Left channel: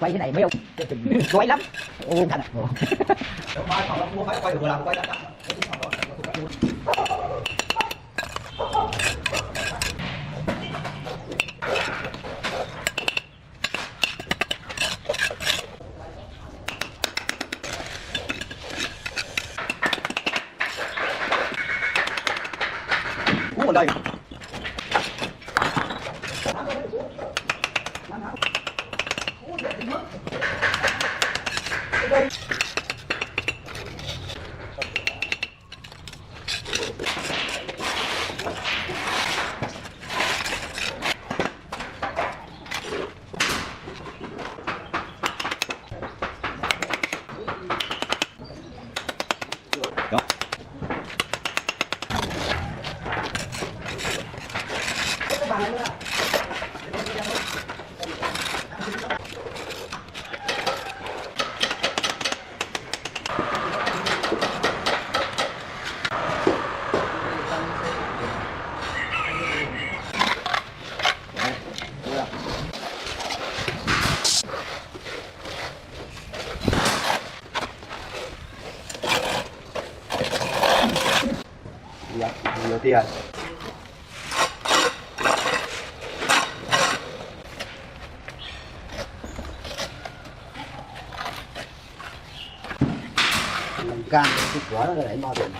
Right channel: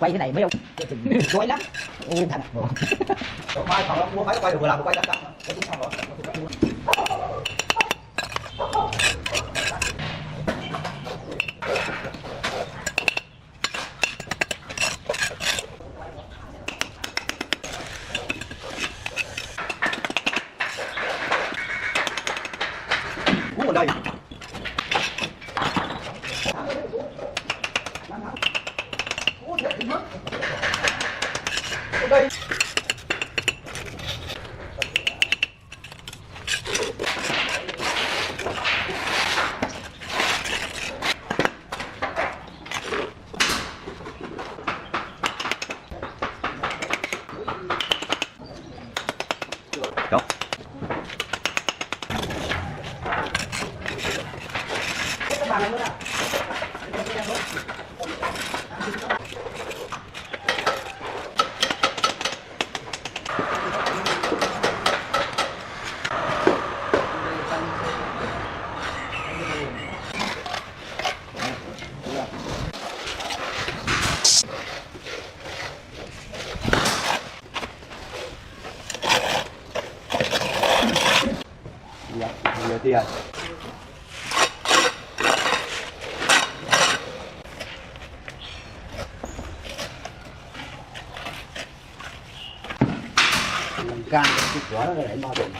Quay cái này biết không? Nói lắm. Yên thật. Mua phải quay được làm quay đã. Muốn ở đây. Tiền làm cam quá để bao tiền.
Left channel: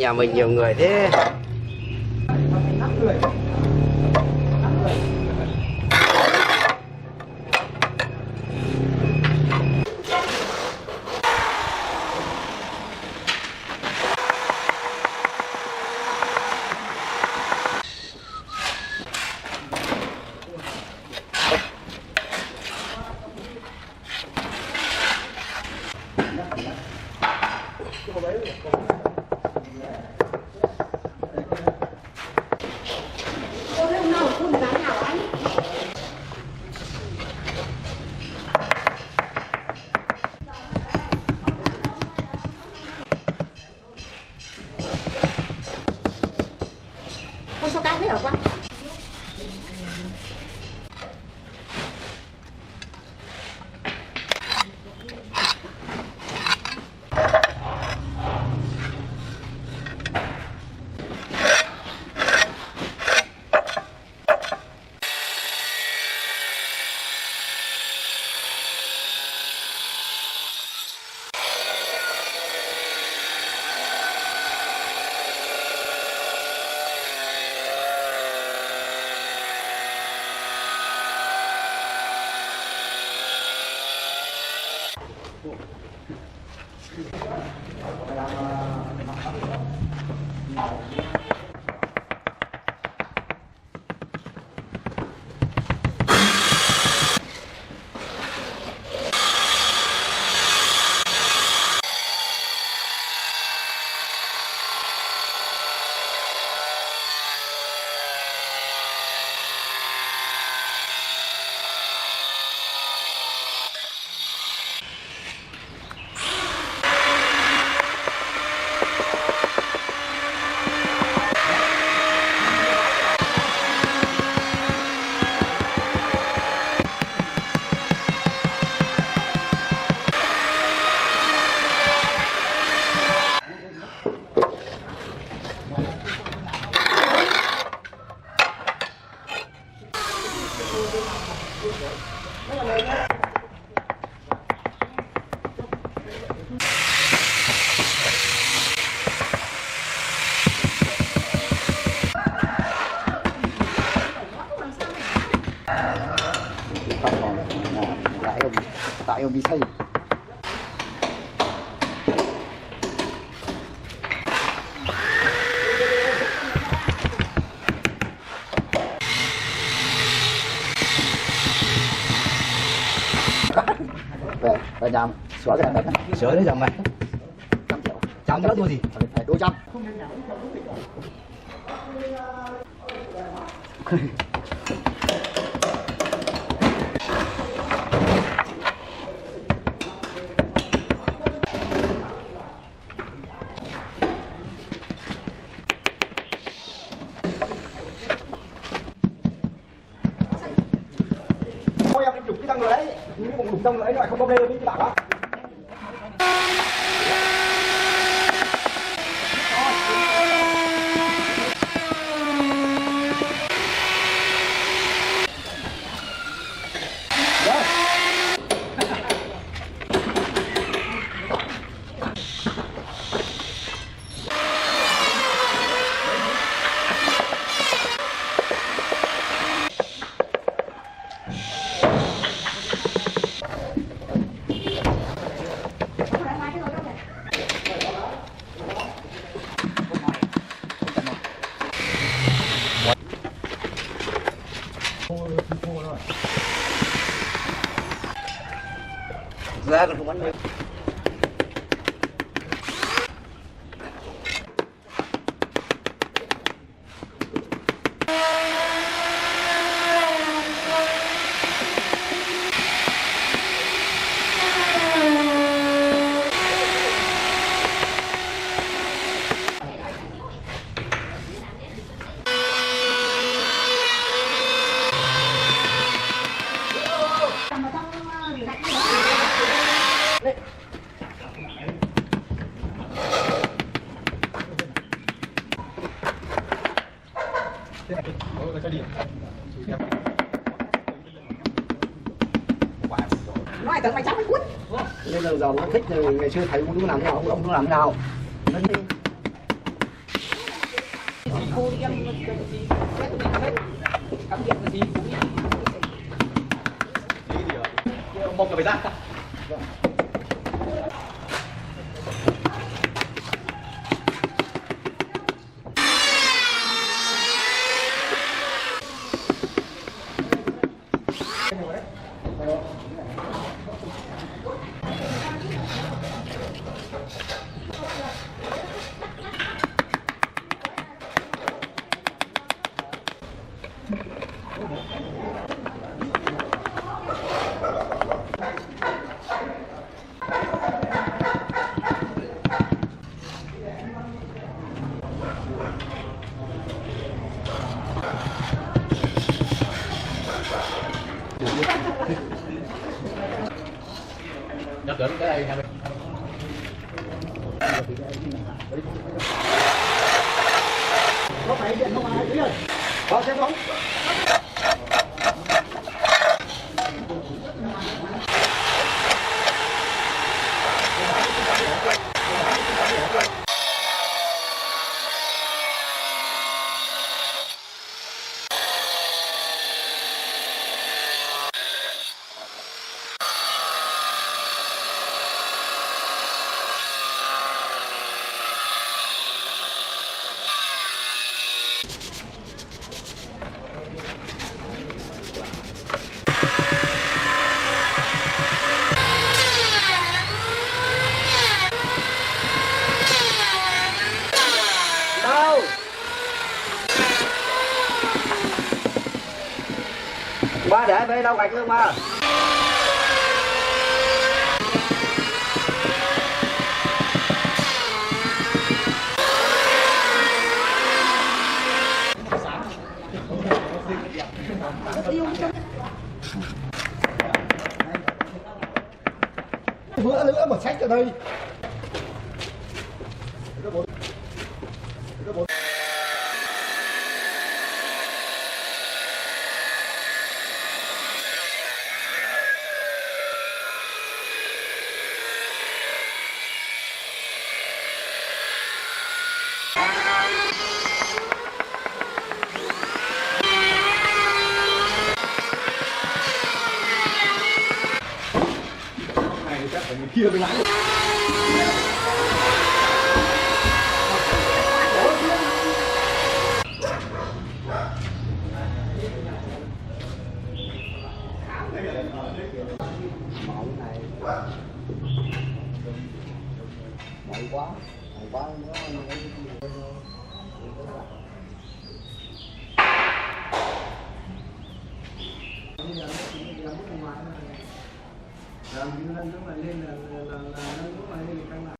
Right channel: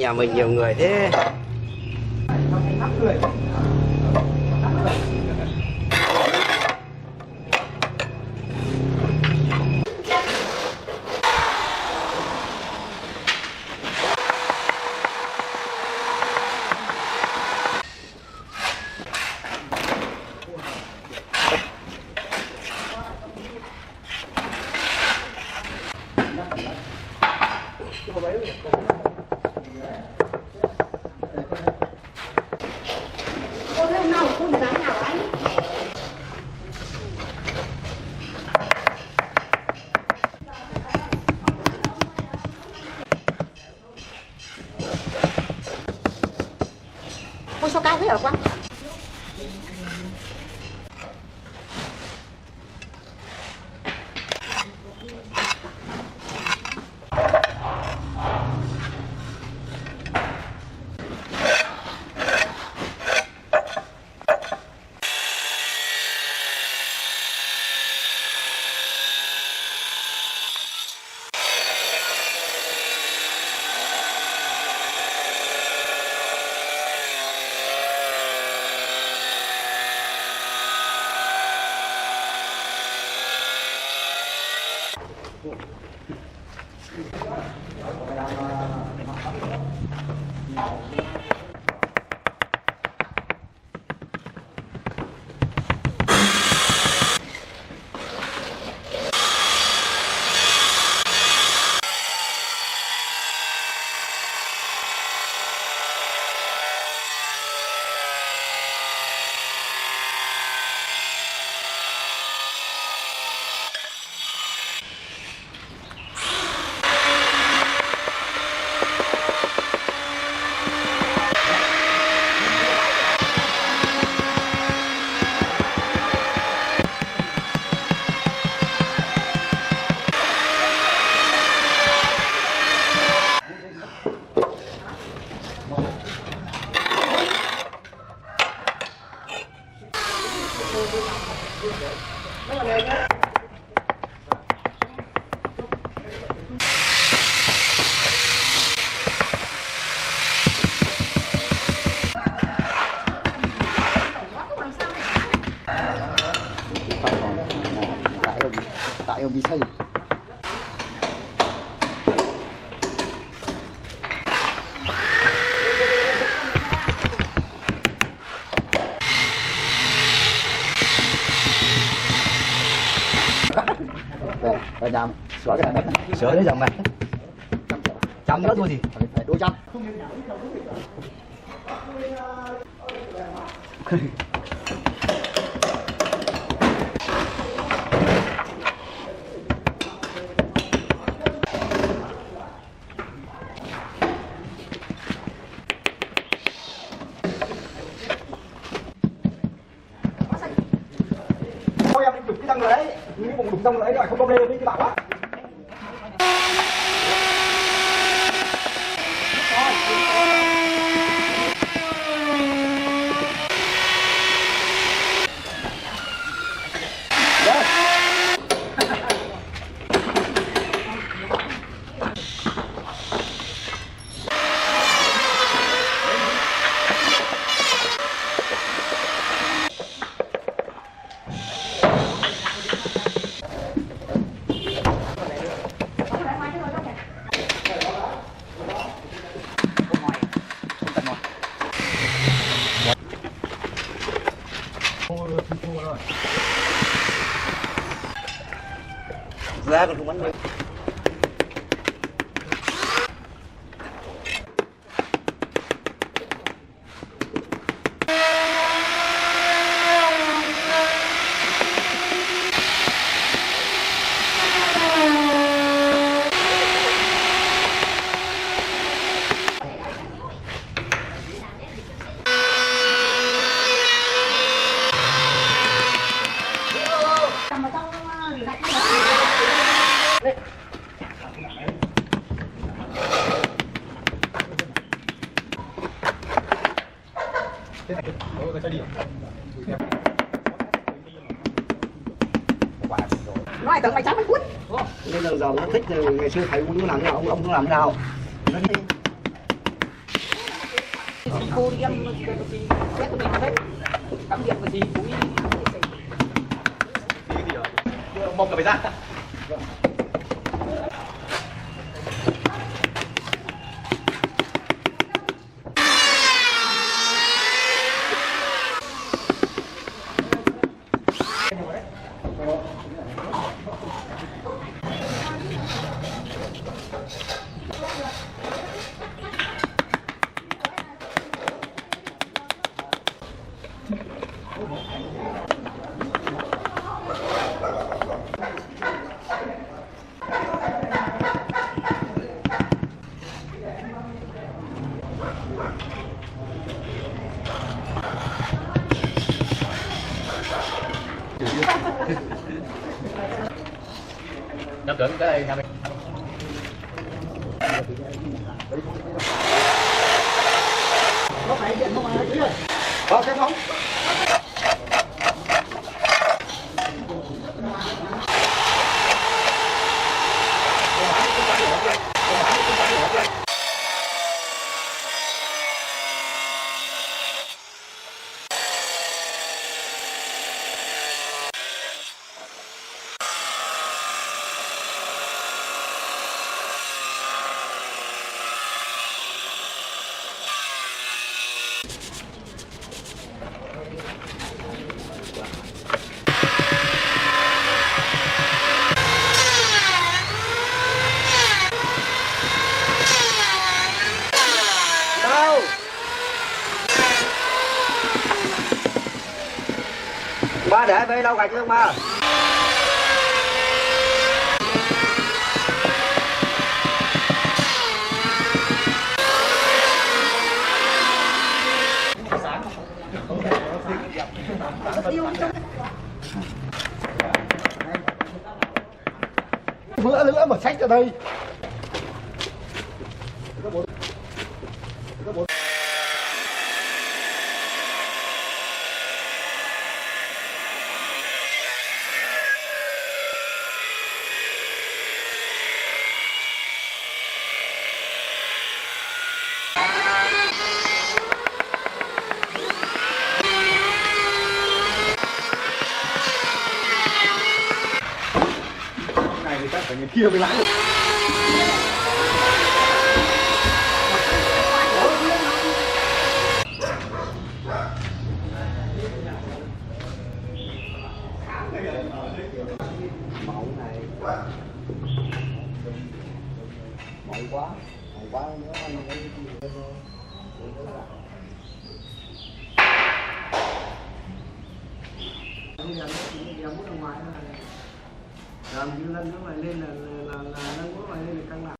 Nhà mình nhiều người thế. Ôi sao cao thế hả con? bị sâu. Rồi nhầm sửa đấy dòng này trăm nữa thôi gì đôi trăm. Thôi em chụp cái thằng đấy, nhưng mà chụp xong rồi lại không leo với bạn á. Ra còn không ăn nhiều. Nói tao phải chấm mấy quýt. Bây giờ nó thích ngày xưa thầy cũng làm nào ông cũng làm nào. Một cái ra. Được cái đây nè. Xem không? Ba để bê đâu gạch luôn ba. Bữa nữa mà xách ra đây. Chia mày lại. Mẫu này mày quá nữa anh bây giờ nó chỉ ra muốn ra ngoài thôi, làm như lên nó lại lên là nó lại lên căng lại.